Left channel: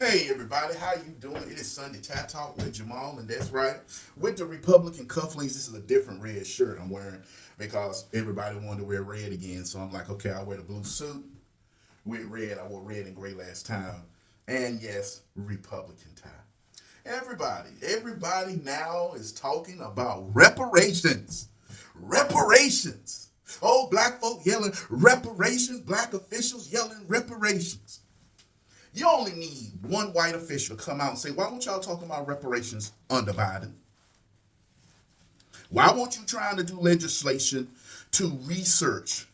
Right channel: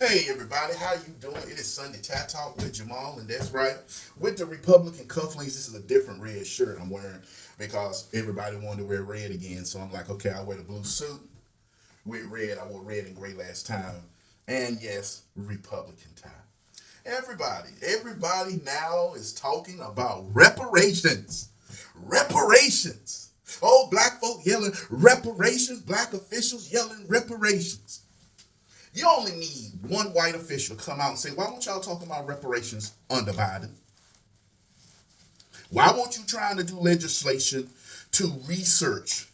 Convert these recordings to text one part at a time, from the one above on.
Hey everybody, how you doing? It is Sunday Tat Talk with Jamal, and that's right. With the Republican cufflinks, this is a different red shirt I'm wearing because everybody wanted to wear red again. So I'm like, okay, I'll wear the blue suit with red. I wore red and gray last time. And yes, Republican time. Everybody now is talking about reparations. Reparations. Oh, black folk yelling reparations, black officials yelling reparations. You only need one white official to come out and say, why won't y'all talk about reparations under Biden? Why won't you trying to do legislation to research?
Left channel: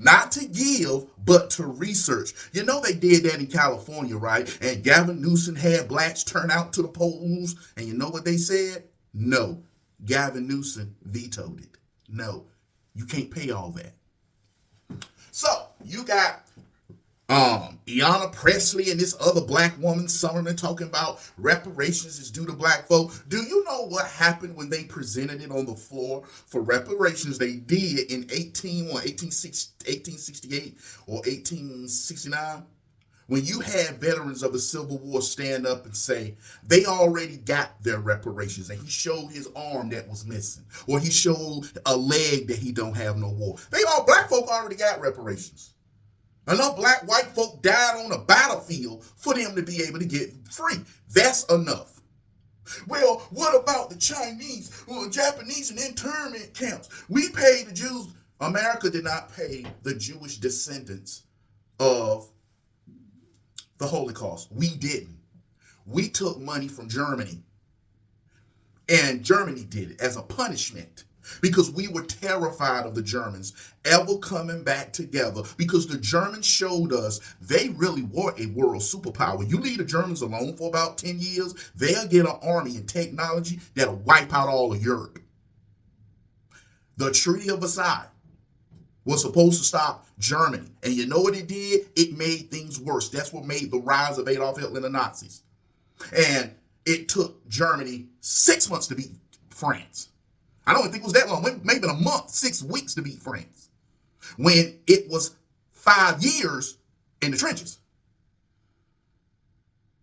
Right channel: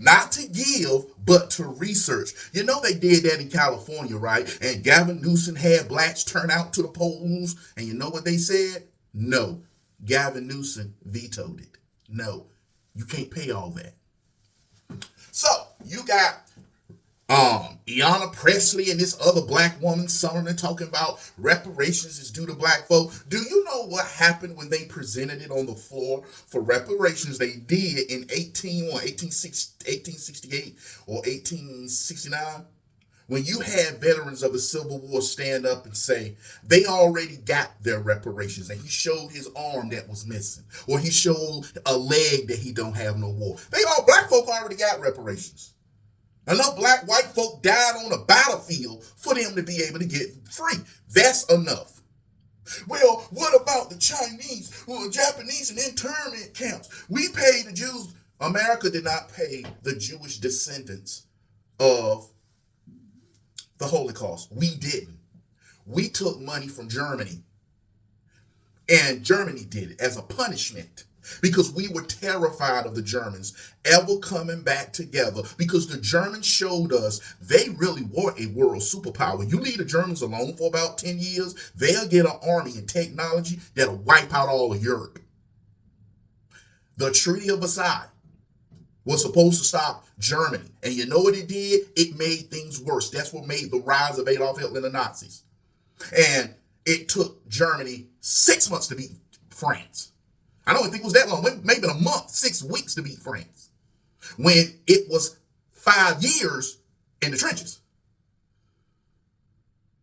Not to give, but to research. You know they did that in California, right? And Gavin Newsom had blacks turn out to the polls. And you know what they said? No. Gavin Newsom vetoed it. No. You can't pay all that. So you got Ayanna Presley and this other black woman summoning talking about reparations is due to black folk. Do you know what happened when they presented it on the floor for reparations? They did in 1868 or 1869. When you had veterans of the Civil War stand up and say they already got their reparations, and he showed his arm that was missing, or he showed a leg that he don't have no more. Black folk already got reparations. Enough white folk died on a battlefield for them to be able to get free. That's enough. Well, what about the Chinese or Japanese in internment camps? We paid the Jews. America did not pay the Jewish descendants of the Holocaust. We didn't. We took money from Germany. And Germany did it as a punishment because we were terrified of the Germans ever coming back together, because the Germans showed us they really were a world superpower. You leave the Germans alone for about 10 years, they'll get an army and technology that'll wipe out all of Europe. The Treaty of Versailles was supposed to stop Germany. And you know what it did? It made things worse. That's what made the rise of Adolf Hitler and the Nazis. And it took Germany 6 months to beat France. I don't think it was that long, maybe a month, 6 weeks to beat France, when it was 5 years in the trenches.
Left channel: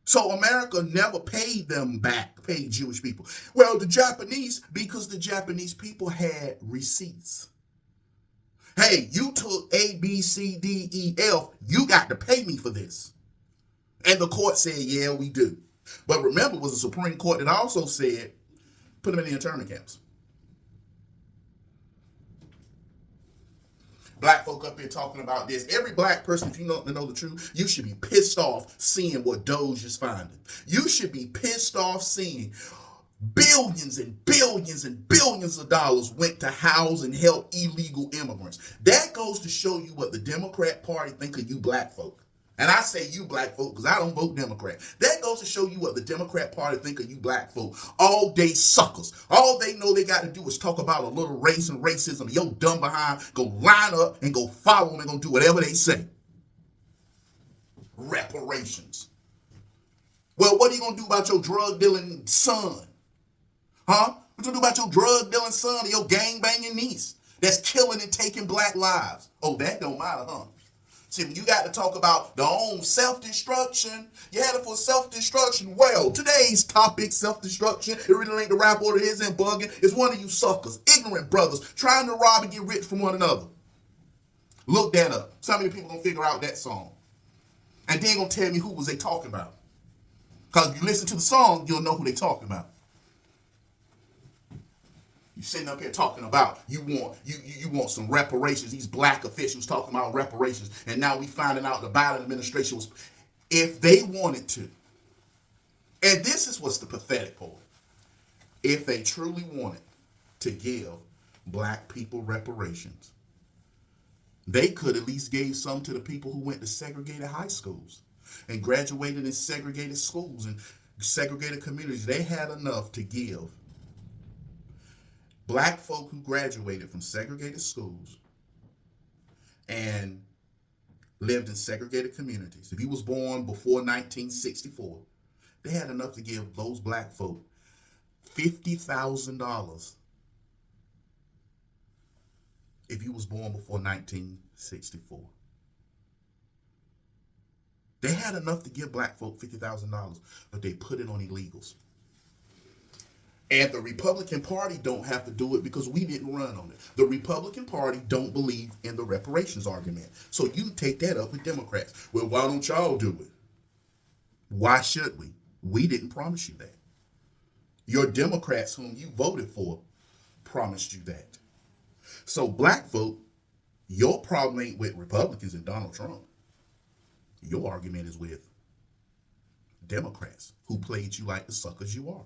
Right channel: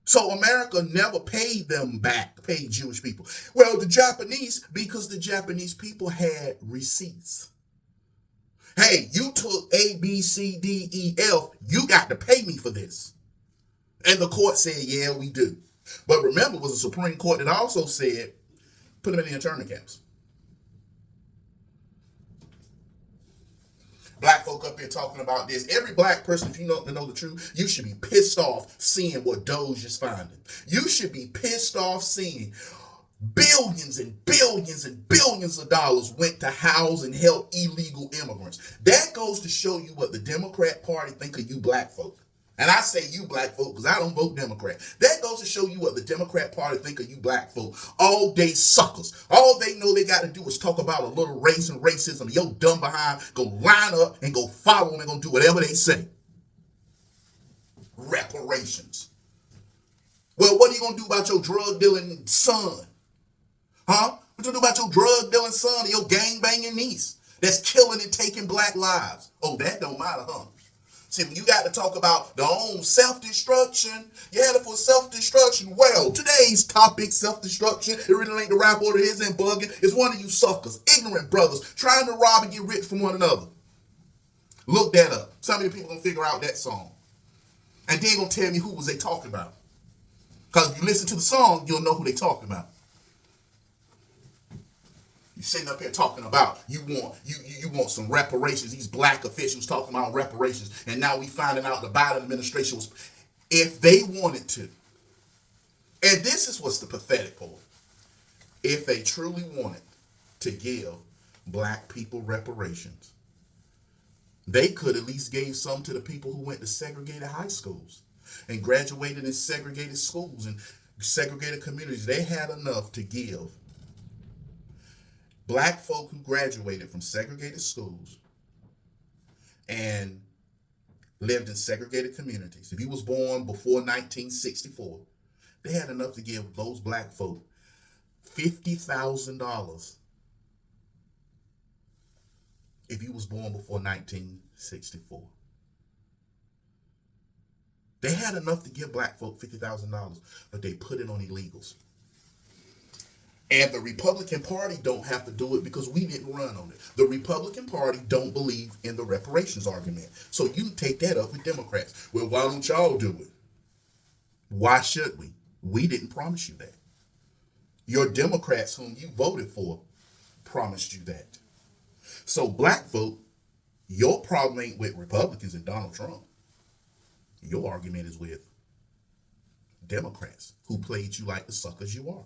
So America never paid them back, paid Jewish people. Well, the Japanese, because the Japanese people had receipts. Hey, you took A, B, C, D, E, F, you got to pay me for this. And the court said, yeah, we do. But remember, it was the Supreme Court that also said, put them in the internment camps. Black folk up here talking about this. Every black person, if you know the truth, you should be pissed off seeing what Doge is finding. You should be pissed off seeing billions and billions and billions of dollars went to house and help illegal immigrants. That goes to show you what the Democrat Party think of you black folk. And I say you black folk because I don't vote Democrat. That goes to show you what the Democrat Party think of you black folk. All day suckers. All they know they got to do is talk about a little race and racism. Your dumb behind go line up and go follow them and go do whatever they say. Reparations. Well, what are you going to do about your drug dealing son? Huh? What you do about your drug dealing son or your gang banging niece that's killing and taking black lives? Oh, that don't matter, huh? See, when you got to talk about their own self-destruction, you had it for self-destruction. Well, today's topic, self-destruction, it really ain't the rap order, it isn't bugging. It's one of you suckers, ignorant brothers, trying to rob and get rich from one another. Look that up. Some of you people gonna figure out that song. And then gonna tell me who was they talking about. Because if you listen to the song, you'll know who they talking about. You sitting up here talking about you want some reparations. These black officials talking about reparations, and now we finding out the Biden administration was, if they wanted to, and this is what's the pathetic part, if they truly wanted to give black people reparations, they could at least gave some to the people who went to segregated high schools and graduated in segregated schools and segregated communities. They had enough to give black folk who graduated from segregated schools and lived in segregated communities. If you was born before 1964, they had enough to give those black folk $50,000 if you was born before 1964. They had enough to give black folk $50,000, but they put it on illegals. And the Republican Party don't have to do it because we didn't run on it. The Republican Party don't believe in the reparations argument. So you take that up with Democrats. Well, why don't y'all do it? Why should we? We didn't promise you that. Your Democrats whom you voted for promised you that. So black folk, your problem ain't with Republicans and Donald Trump. Your argument is with Democrats who played you like the suckers you are.